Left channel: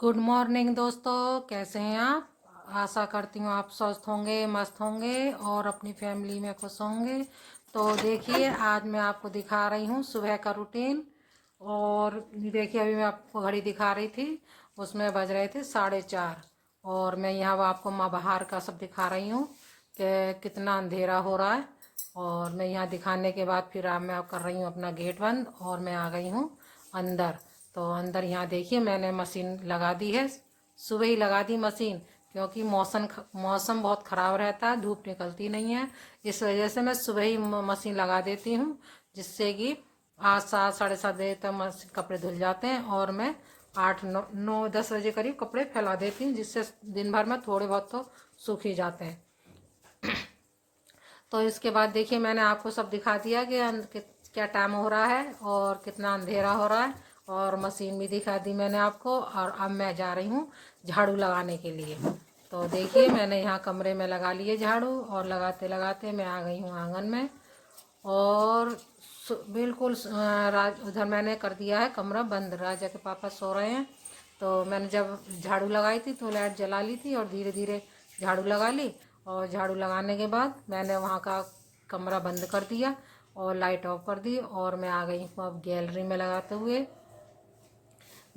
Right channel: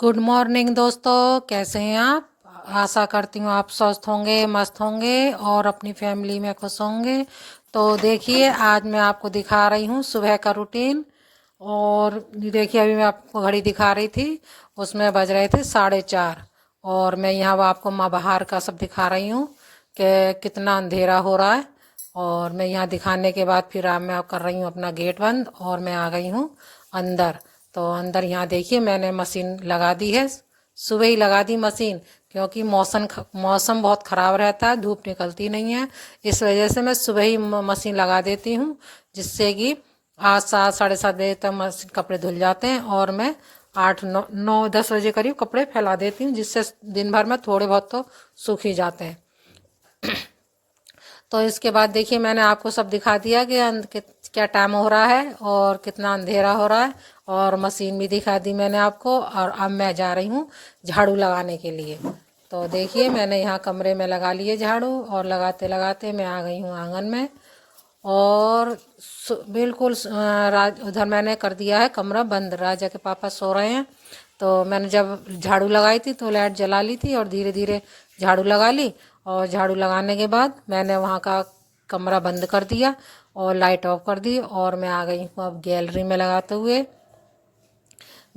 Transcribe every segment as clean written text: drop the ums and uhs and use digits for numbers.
Good morning दोस्तों, कैसे हैं आप। आशा करती हूँ आप स्वस्थ होंगे, मस्त होंगे और अपनी फैमिली में खुश होंगे। तो देखिए, आज मैं आपको दिखा रही हूँ सुबह का रूटीन। और देखिए, अभी मैं आपको घड़ी दिखा रही थी, उसमें बज रहे थे 4:30। और मैं यहाँ आपको माँ बाहर का सब दिखा रही हूँ कि कितना अंधेरा हो रहा है। और मैं यहाँ दिखाने के बाद फिर मैं कर रही हूँ अपना गेट बंद और मैं आ गई हूँ अंदर। तो अंदर यहाँ देखिए, मैंने मशीन लगा दी है। सुबह ही लगा दी मशीन, क्योंकि मौसम बहुत ख़राब रहता है, धूप निकलती नहीं है। इस वजह से मैं सुबह ही मशीन लगा देती हूँ, जिससे कि 8 7 7:30 बजे तक मशीन कपड़े धुल जाते हैं। और मैं 8 9 9 10 बजे करीब कपड़े फैला देती हूँ, जिससे दिन भर में थोड़े बहुत तो सूख ही जाते हैं। तो इसके बाद देखिए, मैंने आपको सब दिखा दिया कि क्या टाइम हो रहा है और कितना अंधेरा हो रहा है। और मशीन भी दिखा दी मैंने आपको। और अब मैं जा रही हूँ झाड़ू लगाने के लिए। तो देखिए, मैंने यहाँ कमरे में लगा लिए झाड़ू और लगाते लगाते मैं आ गई हूँ आंगन में। और बिल्कुल उधर मैंने कर दिया है कमरा बंद, राजा के पापा सो रहे हैं। तो मैंने जब झाड़ू लगाई थी तो लाइट जला ली थी और धीरे धीरे झाड़ू लगा ली। और झाड़ू लगाने के बाद मैंने वहाँ का कमरा बंद कर दिया और लाइट ऑफ कर दी। और मैं आ गई हूँ अब गैलरी में लगाते हुए।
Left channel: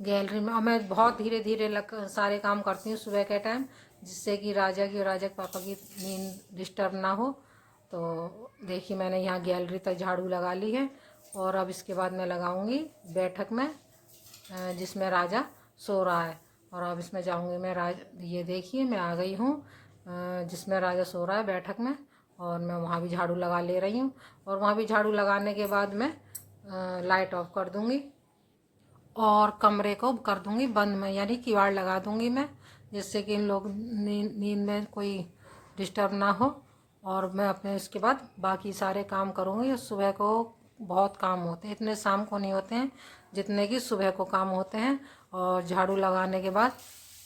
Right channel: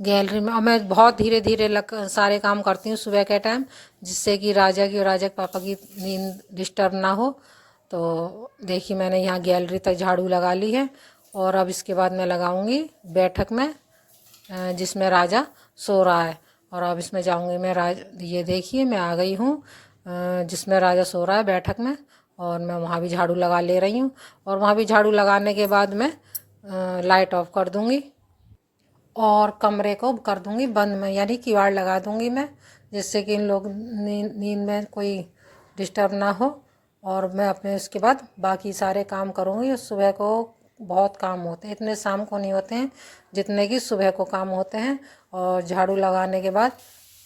गैलरी में और मैं बहुत धीरे धीरे सारे काम करती हूँ सुबह के टाइम, जिससे कि राजा की और राजा के पापा की नींद डिस्टर्ब ना हो। तो देखिए, मैंने यहाँ गैलरी तक झाड़ू लगा ली है। और अब इसके बाद मैं लगाऊंगी बैठक में, जिसमें राजा सो रहा है। और अब इसमें जाऊंगी मैं ये देखिए, मैं आ गई हूँ जिसमें राजा सो रहा है बैठक में। और मैं वहाँ भी झाड़ू लगा ले रही हूँ। और वहाँ भी झाड़ू लगाने के बाद मैं लाइट ऑफ कर दूँगी और कमरे को कर दूंगी बंद में, यानी किवाड़ लगा दूंगी मैं, जिससे कि इन लोग नींद में कोई डिस्टर्ब ना हो। और मैं अपने उसके बाद बाकी सारे काम करूँगी। सुबह को बहुत काम होते हैं, इतने शाम को नहीं होते हैं जितने कि सुबह को काम होते हैं। और झाड़ू लगाने के बाद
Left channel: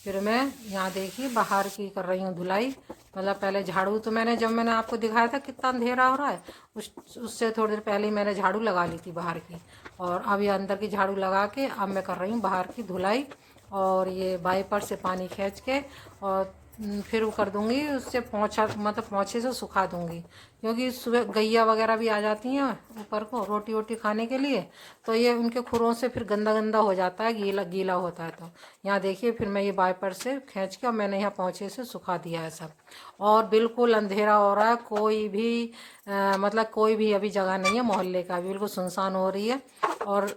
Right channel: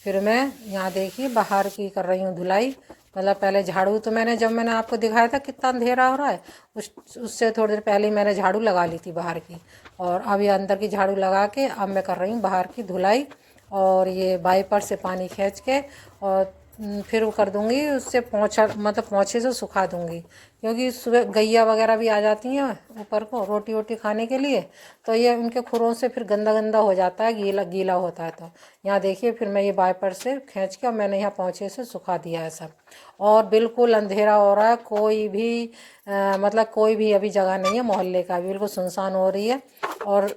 फिर मैं यहाँ देखिए बाहर की कर रही हूँ धुलाई। मतलब पहले झाड़ू तो जब मैंने आपको दिखाया था कितना अंधेरा हो रहा है, उससे थोड़ी देर पहले ही मैंने झाड़ू लगा ली थी बाहर की। और अब ये अंदर की झाड़ू लगा के अब मैं कर रही हूँ बाहर की धुलाई। और ये वाइपर से पानी खींच के और फिर वो कर दूँगी, उससे पोंछा मतलब पोंछे से सुखा दूँगी। क्योंकि सुबह गैया वगैरह भी आ जाती हैं ऊपर को रोटी वोटी खाने के लिए, तो ये उनके खुरों से फिर गंदा गंदा हो जाता है, गीला गीला होता है। तो यहाँ देखिए, फिर मैं ये वाइपर से खींच के और मैंने यहाँ पोंछे से सुखा दिया है सब। और बिल्कुल अंधेरा हो रहा है, कोई भी मतलब कोई भी अभी जगह नहीं है, मोहल्ले का भी बिल्कुल सुनसान हो रही है। और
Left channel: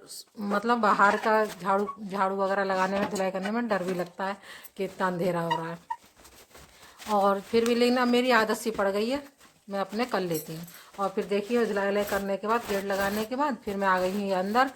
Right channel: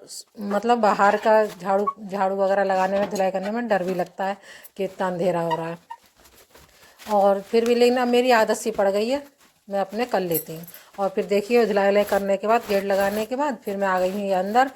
मतलब बाहर का झाड़ू झाड़ू वगैरह लगाने में, धुलाई करने में डर भी लगता है कि इतना अंधेरा हो रहा है। और फिर भी लेकिन अब मेरी आदत सी पड़ गई है, मैं अपने कर लेती हूँ। और फिर देखिए, धुलाई वुलाई करने के बाद गेट लगाने के बाद फिर मैं आ गई हूँ ये अंदर।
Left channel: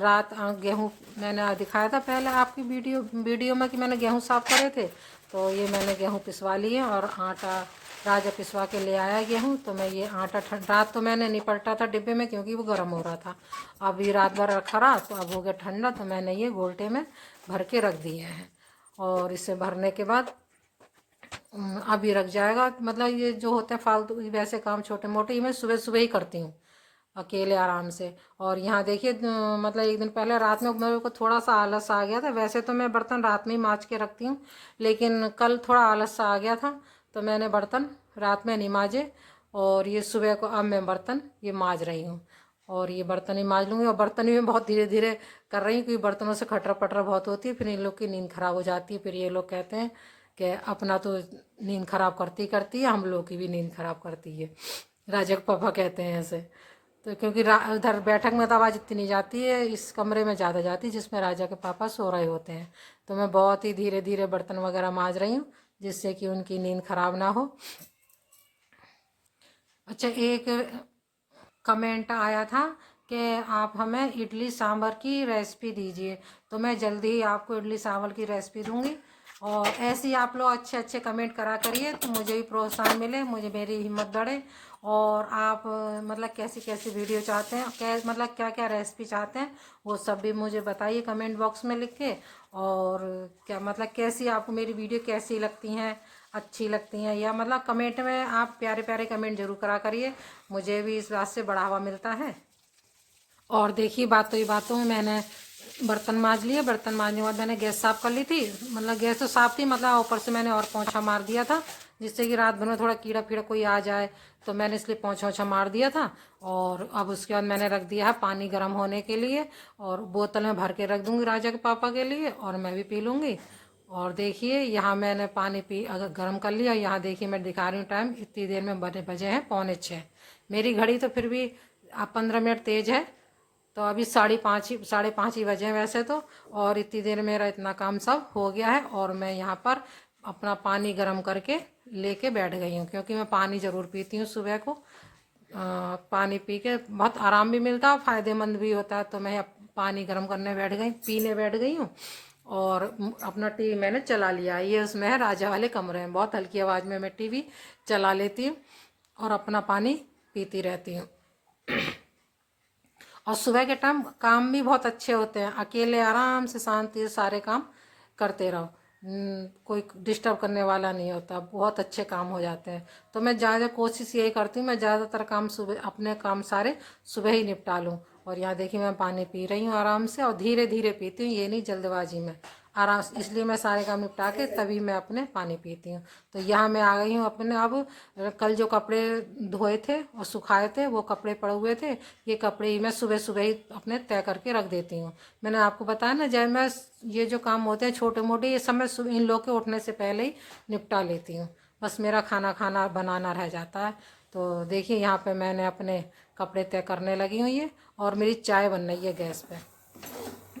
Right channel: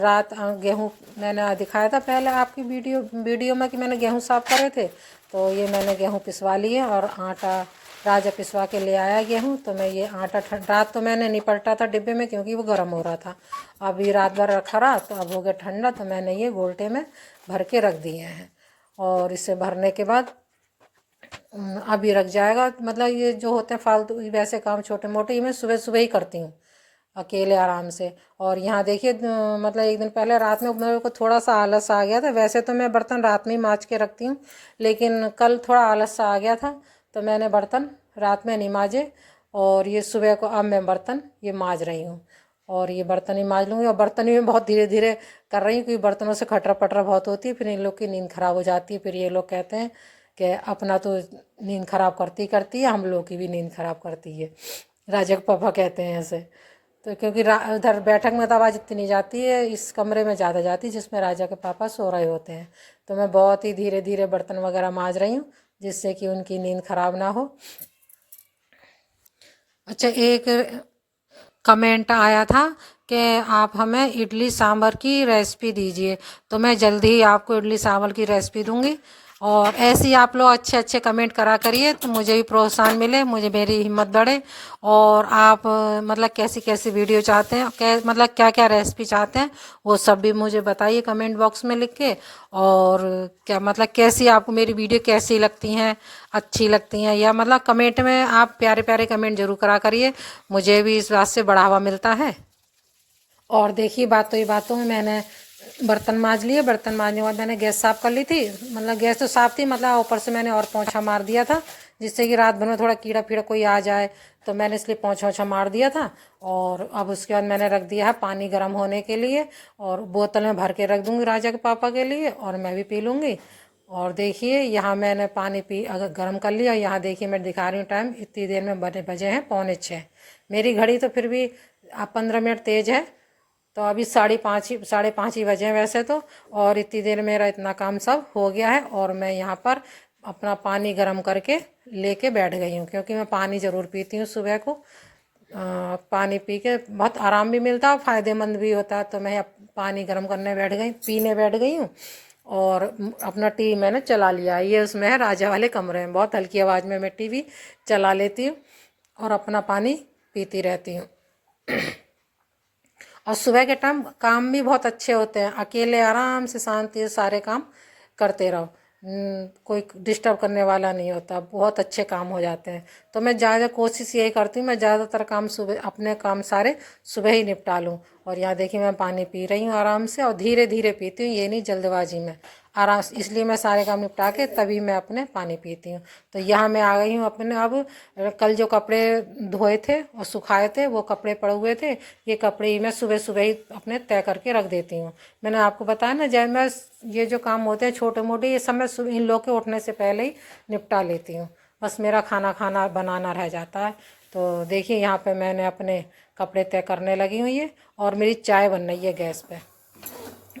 रात गेहूँ मैंने दिखाया था पहले आपकी वीडियो में कि मैंने गेहूँ साफ़ करे थे। तो ये मैंने गेहूँ पिसवा लिए और आटा राजा पिसवा के ले आया गेहूँ। तो मैं ये आटा रात तो मैंने नहीं पलटा था डिब्बे में, क्योंकि वो गर्म हो रहा था। अब ये रात भर रखा रहा तो अब हो गया ठंडा, तो मैंने ये गोल्टे में भर के रख दिए हैं। और इसे भरने के बाद अभी रख जाएगा। मतलब ये जो होते हैं फालतू वैसे काम छोटे मोटे, ये मैं सुबह सुबह ही करती हूँ अकेले आराम से। और यहाँ देखिए, मतलब एक दिन पहले रात में मेरे को थोड़ा सा आलस आ गया था। वैसे तो मैं बर्तन रात में ही मांज के रखती हूँ, लेकिन कल थोड़ा आलस सा आ गया था, तो मैंने बर्तन रात में नहीं मांजे। और ये सुबह को अब मैं बर्तन ये मांज रही हूँ। और ये बर्तन ही मांज लूँगी। और बर्तन भी मैं बहुत धीरे धीरे कर रही हूँ, क्योंकि बर्तनों से खटरा पटरा बहुत होती है, फिर इन लोग की नींद खराब हो जाती है। फिर ये लोग कहते हैं कि अपना तो नींद खराब करती करती है, हम लोग की भी नींद खराब करती है, राजा के पापा कहते हैं ऐसे। तो क्योंकि उधर बैठक में तो आवाज़ इतनी जाती है, इस कमरे में ज़्यादा जाती है जिसमें राजा के पापा सो रहे होते हैं। तो मैं बहुत ही धीरे धीरे बर्तन वगैरह मांज रही हूँ, जिससे कि उनकी नींद खराब ना हो। अच्छा, एक कमेंट आया था कि आप हमें इडली सांभर की रेसिपी दीजिए, तो मैं जल्दी ही आपको इडली सांभर की रेसिपी दूंगी। और ऐसे ही आप लोग अच्छे अच्छे कमेंट करा करिए, तो मुझे भी प्रोत्साहन मिले, मुझे मेरी हिम्मत बढ़े। और आप मतलब कैसी कैसी वीडियो चाहते हैं, मतलब क्या क्या रेसिपी चाहते हैं, वो सब भी मुझे बताइए कमेंट बॉक्स में लिख के। और क्या मतलब कैसी आपको मेरी वीडियो कैसी लगती हैं, अच्छी लगती हैं, या मतलब कमेंट में आप प्यारे प्यारे कमेंट जरूर करा करिए, मुझे भी इस बात से बढ़ावा मिलता है। और देखिए, बातों ही बातों में मैंने बर्तन मांज लिए। बर्तन मांजने के बाद मैंने गैस साफ़ कर ली थी, मतलब गैस तो साफ़ थी, मतलब ऊपर से मैंने और पोंछा मार दिया था, जिससे कि रात भर में थोड़ा कीड़ा फीड़ा कोई आ जाए, तो मैंने इसलिए पोंछा ओछा मार दिया था। और अब उसके बाद मैंने रख दिया है पानी गर्म होने के लिए, और बोतल में भर के रख दूँगी राजा के पापा के लिए, और मैं भी पी लूँगी। और देखिए यहाँ मैंने पानी पी अगर गर्म कर लिया। यहाँ देखिए मैं दिखा रही हूँ टाइम, इतनी देर में बजे हैं 5:45। मेरी घड़ी तो फिर भी 15 मिनट तेज़ है, तो अभी 5:30 बजे हैं वैसे तो। और इतनी देर मेरा इतना काम सब हो गया है, और मैं यहाँ पर अपना पानी गर्म करके लेके बैठ गई हूँ, क्योंकि मैं पानी ज़रूर पीती हूँ सुबह को। पानी पी के बहुत आराम भी मिलता है, फ़ायदेमंद भी होता है। तो मैं अब पानी गर्म करने बैठ गई, पीने बैठ गई हूँ। और अपना टीवी मैंने चला लिया, ये उसमें है राजा वाले कमरे में, बहुत हल्की आवाज़ में मैं टीवी चला लेती हूँ और अपना पानी पीती रहती हूँ। और सुबह के टाइम काम भी बहुत अच्छे होते हैं, अकेले आराम से शांति से सारे काम करते रहो। कोई डिस्टर्ब करने वाला नहीं होता, बहुत अच्छे काम हो जाते हैं। तो मैं ज़्यादा कोशिश यही करती हूँ, मैं ज़्यादातर काम सुबह, अपने काम सारे सुबह ही निपटा लूँ। और यहाँ देखिए मैं पानी पी रही हूँ आराम से, और धीरे धीरे पीती हूँ, ये नहीं जल्दबाजी में, आराम से। इसलिए मैं सारे काम निपटा के तभी मैं अपने पानी पीती हूँ। तो यहाँ मैं आ गई हूँ अपने, अब कल जो कपड़े धोए थे और सुखाए थे वो कपड़े पड़े हुए थे, ये कपड़े ही मैं सुबह सुबह ही अपने तय करके रख देती हूँ। मैंने आपको बताया ना, जब मैं ये जो काम होते हैं छोटे मोटे, ये सब मैं इन लोग के उठने से पहले ही निपटा लेती हूँ। बस मेरा खाना बनाना रह जाता है। तो देखिए यहाँ पे मैंने अपने कपड़े तय करने लगी हुई है, और मेरी चाय बन रही है गैस पे।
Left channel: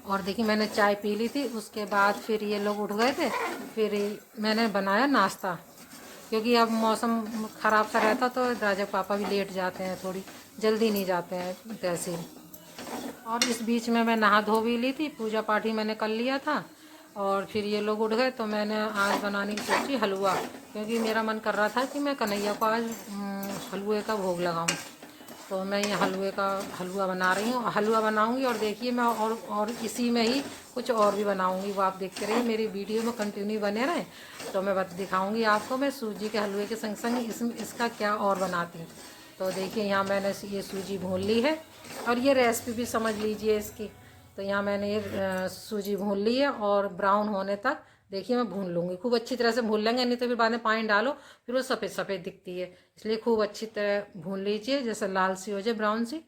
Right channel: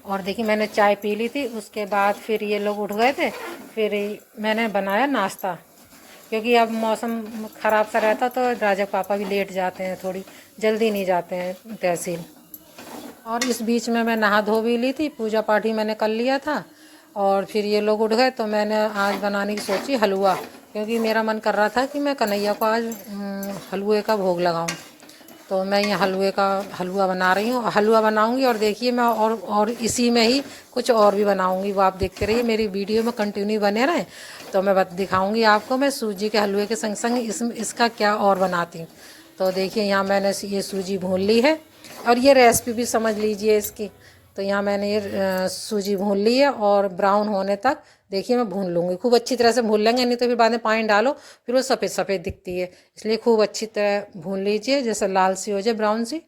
और देखिए मैंने चाय पी ली थी, उसके बाद फिर ये लोग उठ गए थे, फिर मैंने बनाया नाश्ता, क्योंकि अब मौसम ख़राब सा रहता तो राजा पापा भी लेट जाते हैं, थोड़ी जल्दी नहीं जाते हैं तहसील। और इस बीच में मैं नहा धो भी ली थी, पूजा पाठ ही मैंने कर लिया था। और फिर ये लोग उठ गए तो मैंने आज बनाने की सोची हलवा, क्योंकि मेरा मन कर रहा था कि मैं कन्हैया को आज हलवे का भोग लगाऊं। तो मैं ये हलवे का हलवा बना रही हूँ, हलवा बनाऊंगी। और देखिए मैं और इसी में ही कुछ और भी बनाऊंगी, वो आप देखते रहिए, मेरी वीडियो में कंटिन्यू बने रहें। तो मैं दिखाऊंगी आपको मैं सूजी के हलवे के संग संग इसका क्या और बनाती हूँ। तो देखिए यहाँ मैंने ये सूजी भून ली है, और ये रेसिपी भी समझ लीजिए इसकी। तो यहाँ मैंने ये सूजी भून ली है, और ब्राउन होने तक देखिए मैं भून लूँगी, खूब अच्छी तरह से भून लेंगे, नहीं तो फिर बाद में पानी डालो फिर वो सफ़ेद सफ़ेद दिखती है। इसलिए खूब अच्छी तरह भून लीजिए, जैसे लाल सी हो जाए, ब्राउन सी।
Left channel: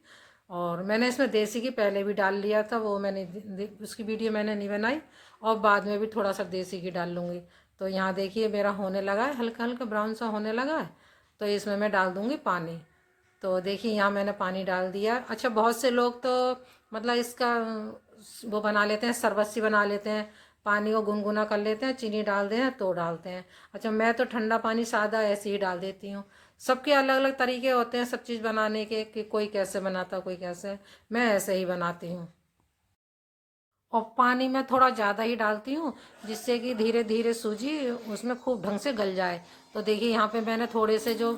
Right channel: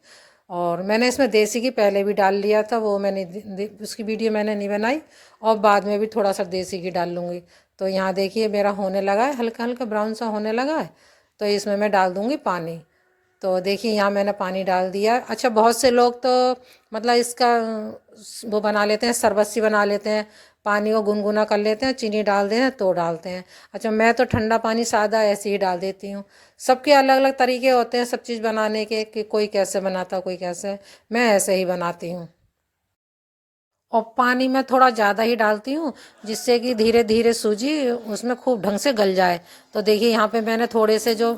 और मैंने इसमें देसी घी पहले भी डाल लिया था, वो मैंने उसकी वीडियो मैंने नहीं बनाई, और बाद में भी थोड़ा सा देसी घी डाल लूँगी। तो यहाँ देखिए मेरा होने लगा है, हल्का हल्का ब्राउन सा होने लगा है। तो इसमें मैं डाल दूँगी पानी। तो देखिए यहाँ मैंने पानी डाल दिया। अच्छा, बहुत से लोग तो मतलब इसका वो बना लेते हैं, शरबत सी बना लेते हैं, पानी को गुनगुना कर लेते हैं, चीनी डाल दें तो डालते हैं। अच्छा, मैं तो ठंडा पानी सादा ऐसे ही डाल देती हूँ। सबके अलग अलग तरीके होते हैं सब चीज़ बनाने के, कि कोई कैसे बनाता कोई कैसे, मैं ऐसे ही बनाती हूँ। और पानी में थोड़ा ज़्यादा ही डालती हूँ, जिससे कि धीरे धीरे सूजी उसमें खूब ढंग से गल जाए। तो देखिए यहाँ पे मैंने थोड़े से जो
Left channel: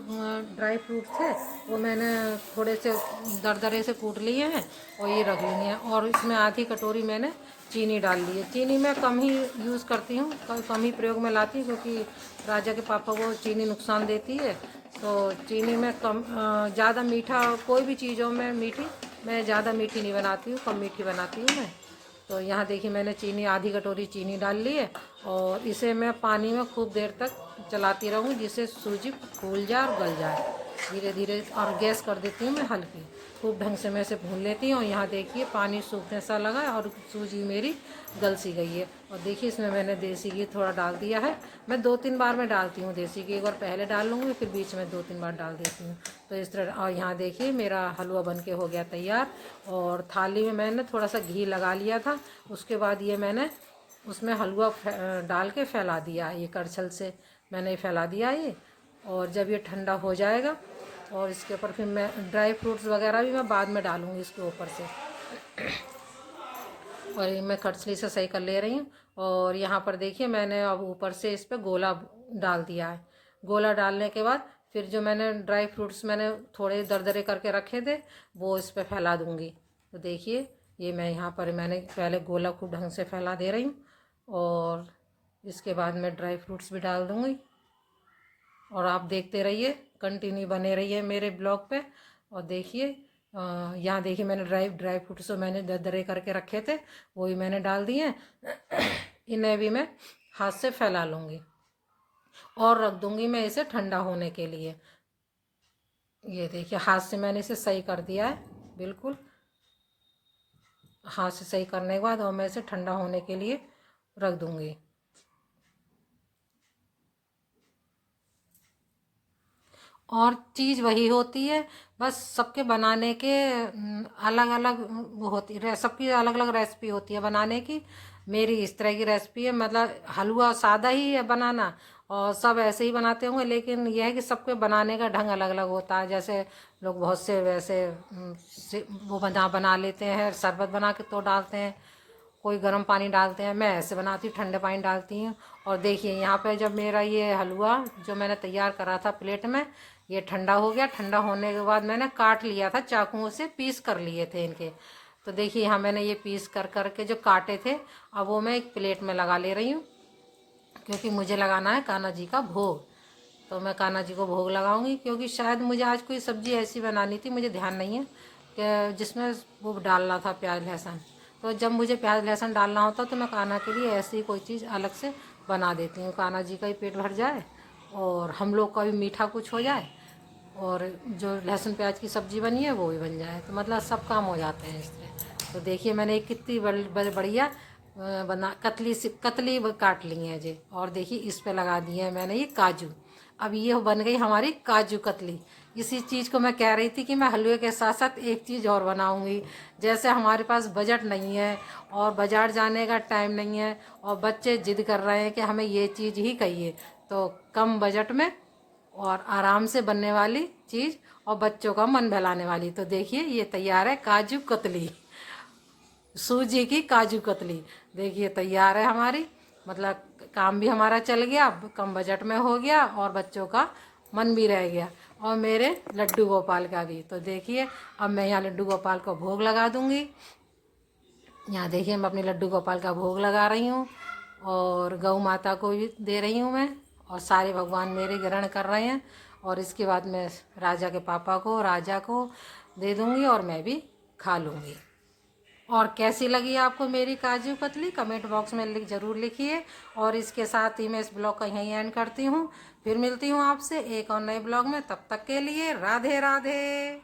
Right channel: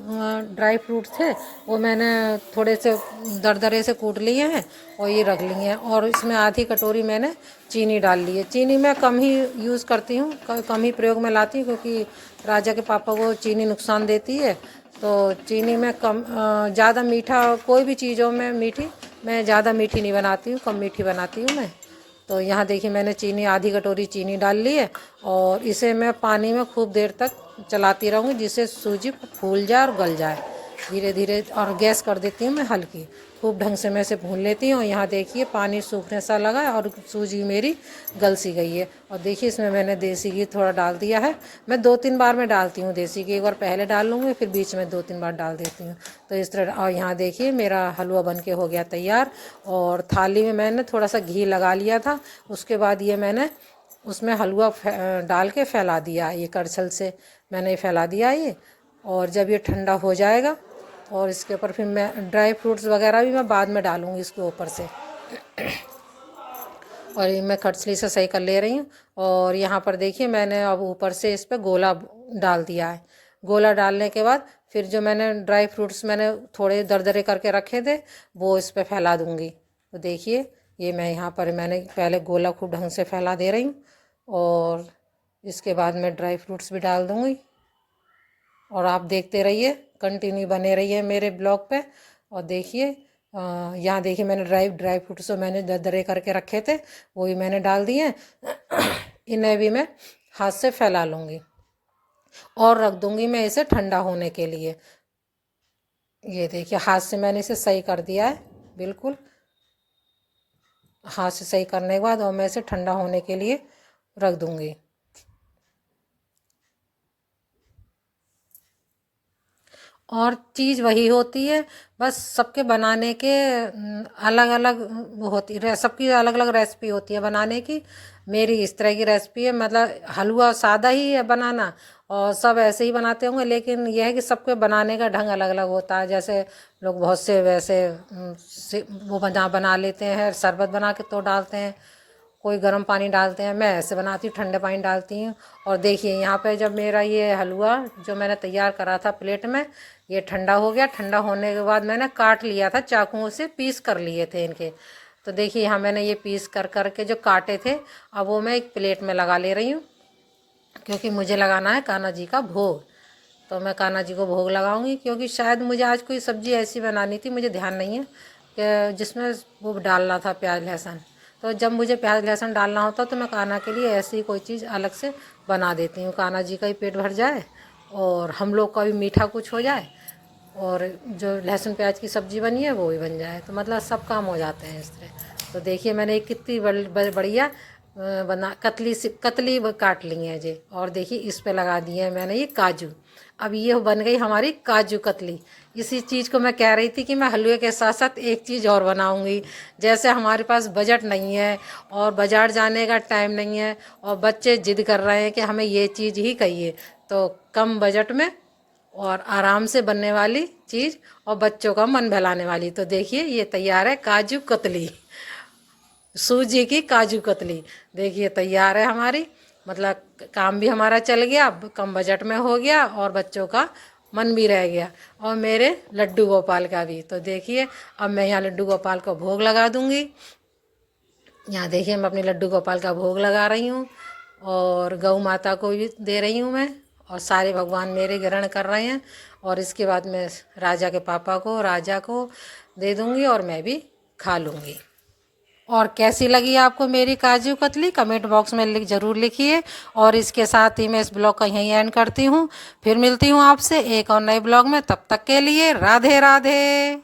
ड्राई फ्रूट्स थे वो मैंने थोड़े से दरदरे से कूट लिए हैं, और ये रख लिए हैं। और इसमें आधी कटोरी मैंने चीनी डाल ली है। चीनी मैं कम ही यूज़ करती हूँ, कम ही प्रयोग में लाती हूँ, क्योंकि राजा के पापा को चीनी नुकसान देती है। तो चीनी में कम, ज़्यादा मीठा कोई भी चीज़ों में मीठी, मैं ज़्यादा मीठी नहीं बनाती हूँ, कम मीठी बनाती हूँ मैं। तो यहाँ देखिए मैंने चीनी, आधी कटोरी चीनी डाल ली है, और इसे मैं पानी में खूब देर तक चलाती रहूँगी, जिससे सूजी फूल जाए और गल जाए धीरे धीरे। और गैस कर देती हूँ मैं हल्की, खूब ढंग से मैं इसे भून लेती हूँ। यहाँ देखिए पानी सूखने सा लगा है, और सूजी मेरी गल सी गई है। और देखिए इसमें मैंने देसी घी थोड़ा डाल दिया है, मैं 2-3 बार में डालती हूँ देसी घी, एक बार पहले डाल लूँगी, फिर बीच में 2-3 बार डाल देती हूँ। तो इस तरह। और यहाँ देखिए मेरा हलवा बन के हो गया तैयार, और थाली में मैंने थोड़ा सा घी लगा लिया था। उसके बाद ये मैंने उसमें हलवा डाल के फैला दिया, ये करछल से मैंने फैला दिया ये। और जब ये ठंडा हो जाएगा, और इसके ऊपर फिर मैं ड्राई फ्रूट्स वगैरह भी मैं बाद में डालूँगी इसके ऊपर से। और ये मैं करछली से सही कर ले रही हूँ। और यहाँ पर देखिए मैंने अब ऊपर से इस पर गोला डाल दिया है। गोला डालने के बाद फिर जो मैंने ड्राई फ्रूट्स मैंने थोड़े दरदरे करके रखे थे वो इस पर फैला दूँगी। तो देखिए ये मैं यहाँ पर मैंने पहले गोला खूब ढंग से फैला दे रही हूँ, और इसके बाद मैं ड्राई फ्रूट्स भी डाल दूँगी। और आप देखते रहिए, कंटिन्यू बने रहिए मेरे ब्लॉग पे। और देखिए यहाँ देखिए मैंने ड्राई फ्रूट्स मैंने दरदरे करके रखे थे, वो भी मैंने डाल दिए। इन्हें भी मैं हाथ से फैला लूँगी और रख दूँगी मैं इसे ठंडा होने के लिए। ये देखिए हाथ से मैंने इसे सही कर दिया है, बिल्कुल हाथ से सही करने के बाद और मैं इसे ठंडा होने के लिए रख दूँगी। और चीज़ वही होती है, बस सबके बनाने के अलग अलग होती है, सबकी अलग अलग रेसिपी होती है बनाने की। मेरी इस तरह की रेसिपी है, मतलब हलवा सादा ही है बनाना और सब ऐसे ही बनाते होंगे, लेकिन यह है कि सबके बनाने का ढंग अलग अलग होता है। जैसे लोग बहुत से वैसे वो बना लेते हैं, शरबत बना के तो डालते हैं, कोई गर्म पानी डालते हैं, मैं ऐसे बनाती हूँ ठंडे पानी डालती हूँ। और देखिए यहाँ पे जब मेरा ये हलवा जो मैंने तैयार करा था प्लेट में, ये ठंडा हो गया। ठंडा होने के बाद मैंने काट लिया था, चाकुओं से पीस कर लिए थे इनके। तो देखिए यहाँ मैंने ये पीस कर करके जो काटे थे, अब वो मैं एक प्लेट में लगा ले रही हूँ, क्योंकि मुझे लगाना है कान्हा जी का भोग। तो मैं कान्हा जी को भोग लगाऊंगी, क्योंकि शायद मुझे आज कोई सब्ज़ी ऐसी बनानी थी, मुझे ध्यान नहीं है, कि जिसमें वो डालना था प्याज लहसुन। तो जब मुझे प्याज लहसुन डालना होता तो मैं कान्हा के लिए ऐसी कोई चीज़ अलग से बना देती हूँ, कान्हा जी का ही पेट भर जाए और हम लोग का भी मीठा कुछ हो जाए और जो लहसुन प्याज की सब्ज़ी बनी है वो भी बन जाए, तो मतलब सब काम हो जाते हैं इस तरह। तो देखिए मैंने एक कितनी बढ़िया बना कतली काट ली है जी। और देखिए इस पे लगा दिए हैं मैंने ये काजू। अब ये बन गई हमारी काजू कतली। इसी चीज़ को मैं कह रही थी कि मैं हलवे के साथ साथ एक चीज़ और बनाऊंगी। जैसे हमारे पास बजट नहीं है और बाज़ार जाने का टाइम नहीं है और बच्चे जिद कर रहे हैं कि हमें ये चीज़ ही चाहिए, तो कम बजट में और आराम से बनने वाली चीज़ और बच्चों का मन बहलाने वाली, तो देखिए ये तैयार है काजू कतली, सूजी की काजू कतली। देखिए तैयार है हमारी, मतलब काम भी हमारा चल गया, कम बजट में हो गया और बच्चों का मन भी रह गया और मेरे लड्डू गोपाल का भी। तो देखिए अब मैं यहाँ लड्डू गोपाल को भोग लगा दूँगी। यहाँ देखिए मैं अपने लड्डू गोपाल का भोग लगा रही हूँ और गौ माता को भी दे रही हूँ मैं, और सारे भगवान मेरे ग्रहण कर रहे हैं। और इसके बाद मैं राजा के पापा को, राजा को दे दूँगी और मैं भी खा लूँगी। और कैसी लगी आपको मेरी काजू कतली कमेंट बॉक्स में ज़रूर लिखिए। और इसके साथ ही मैं इस ब्लॉग का यहीं एंड करती हूँ। फिर मिलती हूँ आपसे एक और नए ब्लॉग में, तब तक के लिए राधे राधे।